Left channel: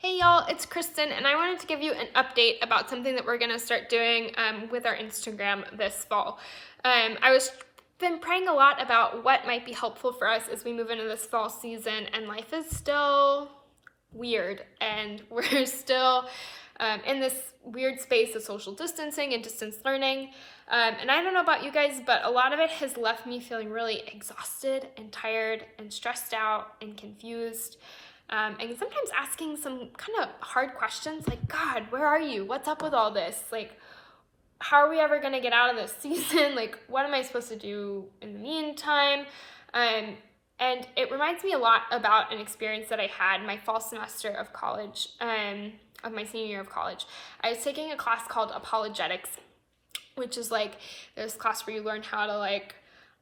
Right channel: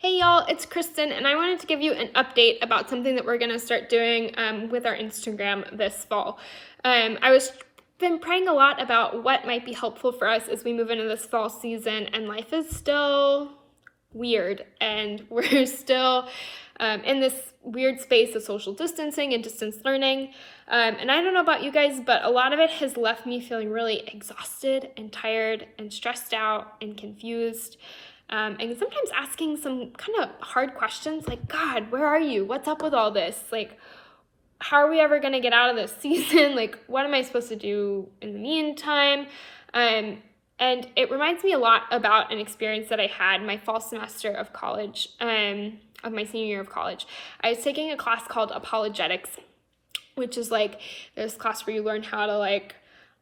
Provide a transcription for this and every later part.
Hey y'all, it's Kristen, and I wanted to give you an update about something that we're going to start doing with our Instagram this fall. I was been praying a lot about what might be helpful for us as we move into this fall season, and life is still weird, and we're still in this weird space of social distancing and distance learning. And I don't know about you guys, but a lot of it has left me feeling really exhausted and tired and stressed out and confused. And sometimes asking some kind of hard questions like, God, where are you? What's up with all this? Like, how are we ever going to get out of this season? Like, what am I supposed to do in the meantime? And it reminds me a lot about an experience that I had my fall semester of college, of my senior year of college. I was taking a class called apologetics, which is like this class where you learn how to like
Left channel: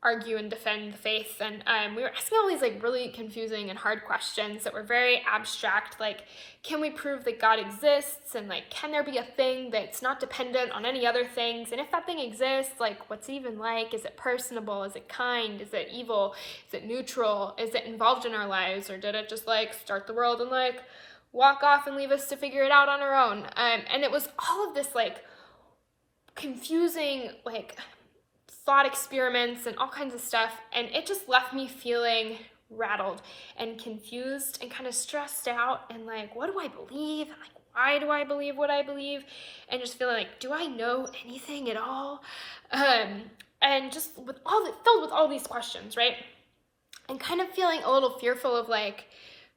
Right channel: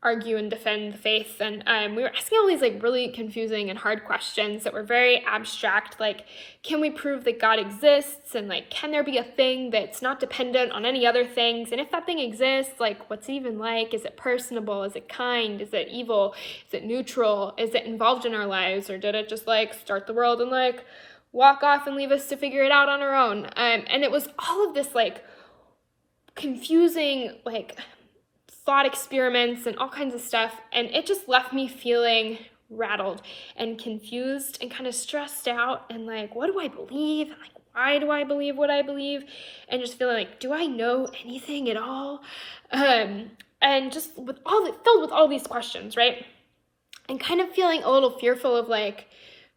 argue and defend the faith. And we were asking all these like really confusing and hard questions that were very abstract, like, can we prove that God exists? And like, can there be a thing that's not dependent on any other things? And if that thing exists, like, what's it even like? Is it personable? Is it kind? Is it evil? Is it neutral? Is it involved in our lives? Or did it just like start the world and like walk off and leave us to figure it out on our own? And it was all of this like confusing, like thought experiments and all kinds of stuff, and it just left me feeling rattled and confused and kind of stressed out and like, what do I believe? And like, why do I believe what I believe? And just feeling like, do I know anything at all? And just filled with all these questions, right? And kind of feeling a little fearful of like,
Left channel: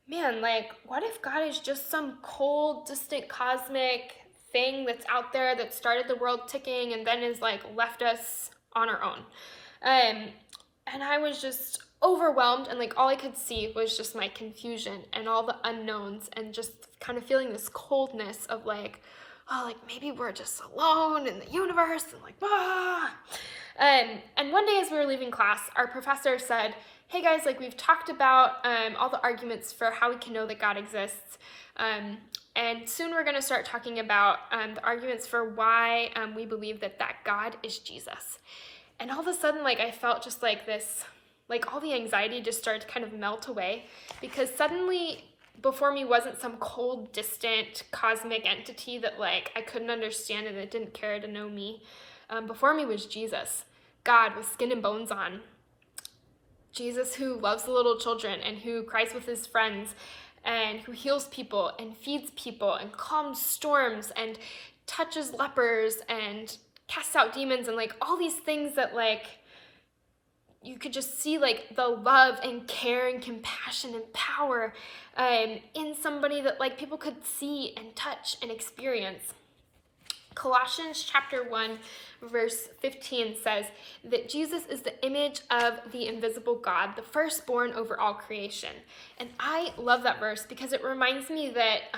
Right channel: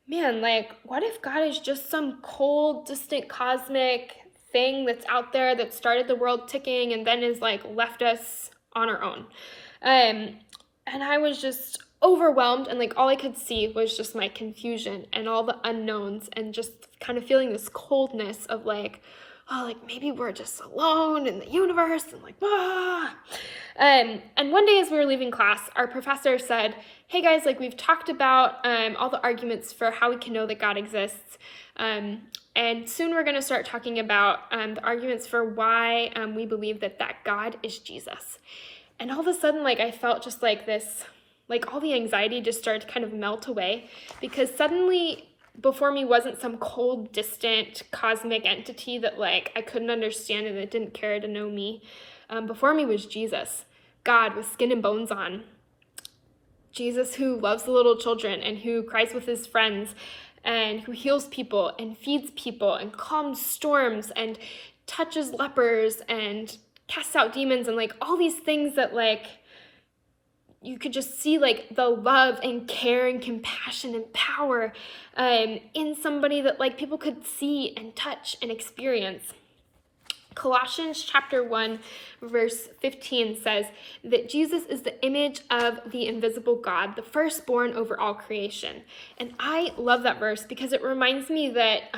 man, like, what if God is just some cold, distant cosmic thing that's out there that started the world ticking and then is like left us on our own? And I was just overwhelmed, and like all I could see was just my confusion and all the unknowns, and just kind of feeling this coldness of like, oh, like maybe we're just alone in the universe, and like, ah. And one day as we were leaving class, our professor said, hey guys, like we've talked about all the arguments for how we can know that God exists. And soon we're going to start talking about the arguments for why we believe that God is Jesus. And all of a sudden, like, I felt just like this, like all the anxiety just started to kind of melt away, because suddenly before me wasn't some cold, distant, cosmic entity that like I couldn't understand and that didn't care to know me. Before me was Jesus, God with skin and bones on. Jesus who loves the little children and who cries with his friends and who heals people and feeds people and calms storms and touches lepers and casts out demons, and like all these things that like you could just see like the love and care and compassion and power in somebody that like people could see and touch and experience. Colossians chapter 1 verse 15 says that Jesus is the image of the invisible God, the firstborn over all creation. And I love that verse because it reminds me that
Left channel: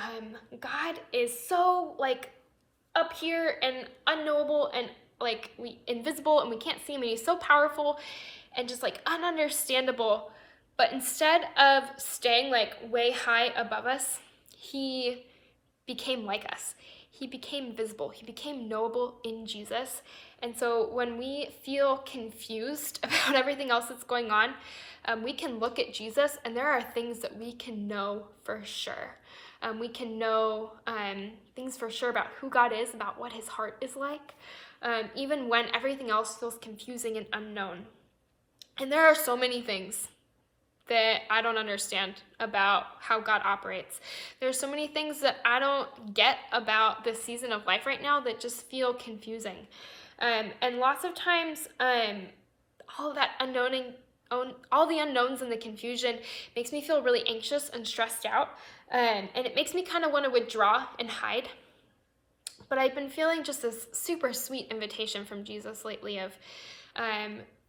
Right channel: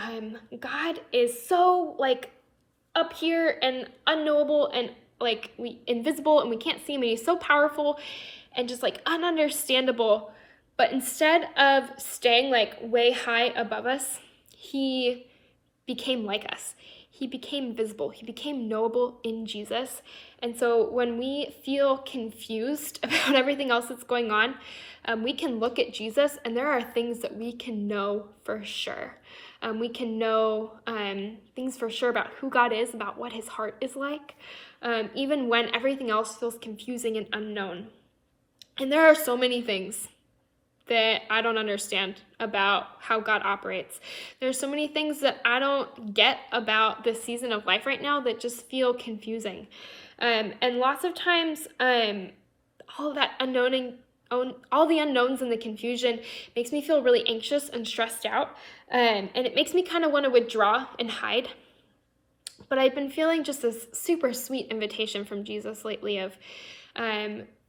God is so like up here and unknowable and like invisible, and we can't see him, and he's so powerful and just like ununderstandable. But instead of staying like way high above us, he became like us. He became visible. He became knowable in Jesus. And so when we feel confused about everything else that's going on, we can look at Jesus, and there are things that we can know for sure. We can know things for sure about who God is, about what his heart is like, even when everything else feels confusing and unknown. And there are so many things that I don't understand about how God operates. There's so many things that I don't get about this season of life right now that just feel confusing. And lots of times, all that all the unknowns and the confusion makes me feel really anxious and stressed out. And it makes me kind of want to withdraw and hide. But I've been feeling just this super sweet invitation from Jesus lately of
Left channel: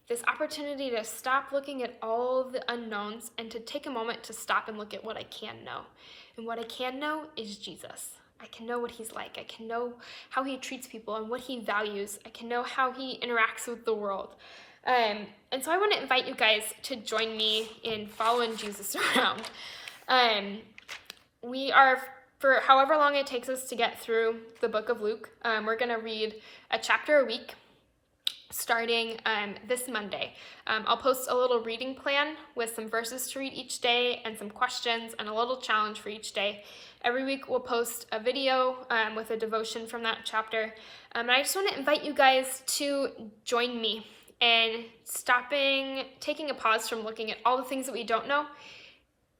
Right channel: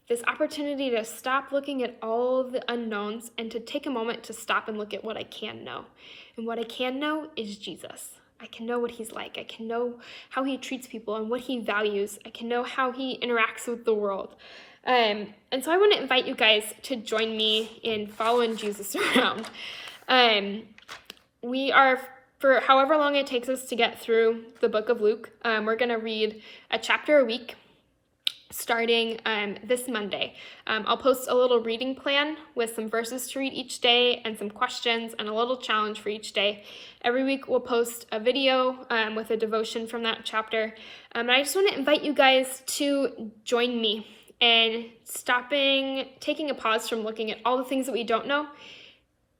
this opportunity to stop looking at all the unknowns and to take a moment to stop and look at what I can know. And what I can know is Jesus. I can know what he's like. I can know how he treats people and what he values. I can know how he interacts with the world. And so I want to invite you guys to join me in following Jesus around. We are, for however long it takes us to get through the book of Luke, we're going to read a chapter a week starting this Monday. I'll post a little reading plan with some verses to read each day and some questions and a little challenge for each day. Every week we'll post a video with a devotion from that chapter. And I just want to invite you guys to join me in taking a pause from looking at all the things that we don't know,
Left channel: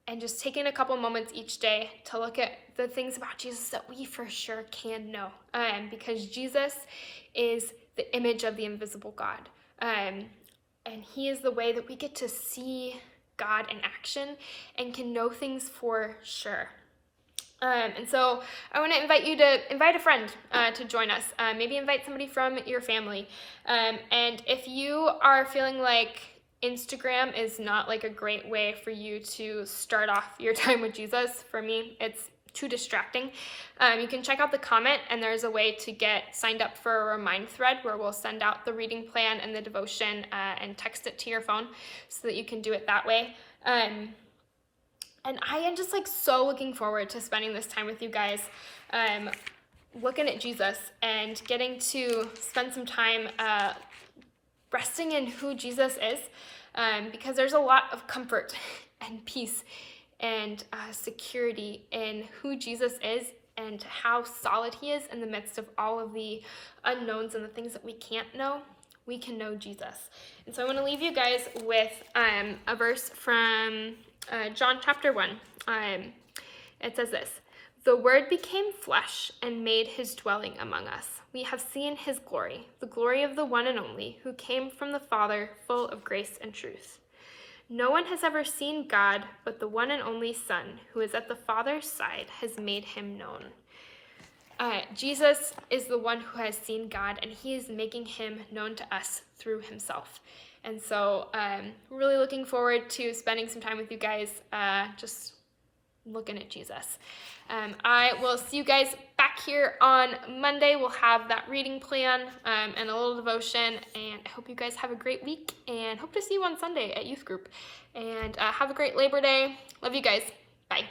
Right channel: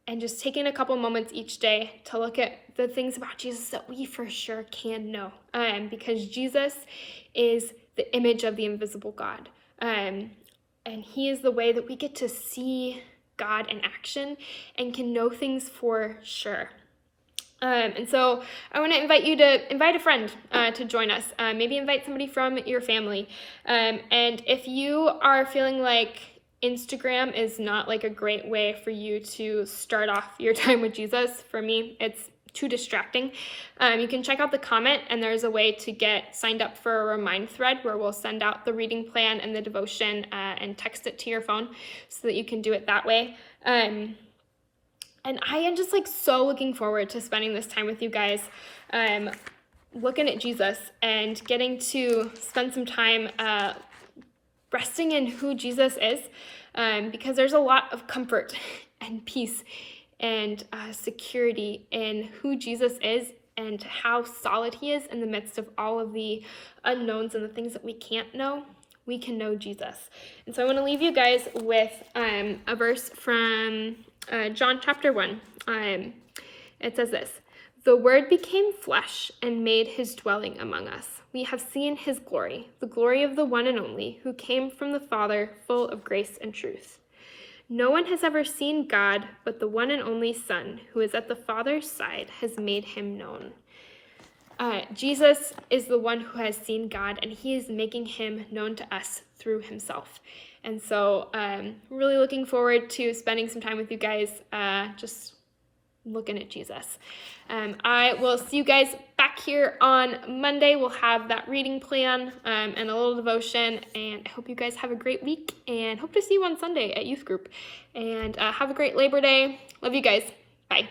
and just taking a couple moments each day to look at the things about Jesus that we for sure can know. Because Jesus is the image of the invisible God. And he is the way that we get to see God in action and can know things for sure. And so I want to invite you to invite a friend to join us. Maybe invite somebody from your family. And if you are feeling like Instagram is not like a great way for you to start off your time with Jesus, for me, it's too distracting. You can check out the comment, and there's a way to get signed up for a remind thread where we'll send out the reading plan and the devotion and text it to your phone so that you can do it that way. And I am just like so looking forward to spending this time with you guys, looking at Jesus and getting to spend some time resting in who Jesus is, because there's a lot of comfort and peace and security in who Jesus is and how solid he is in the midst of all of the unknowns and the things that we can't know. We can know Jesus. And so I want to leave you guys with a verse from John chapter 1. It says this: "The Word became flesh and made his dwelling among us. We have seen his glory, the glory of the one and only, who came from the Father, full of grace and truth. No one has ever seen God, but the one and only Son, who is at the Father's side, has made him known." Jesus is the one who has seen God, and he is making him known to us through himself. And so really looking forward to spending some time with you guys, just looking at Jesus. I will see you guys back here on Monday. We'll have that reading plan and a little devotion, and I hope you guys have a great week, and hope to see you on Sunday at youth group. And have a great Labor Day. Love you guys. Bye.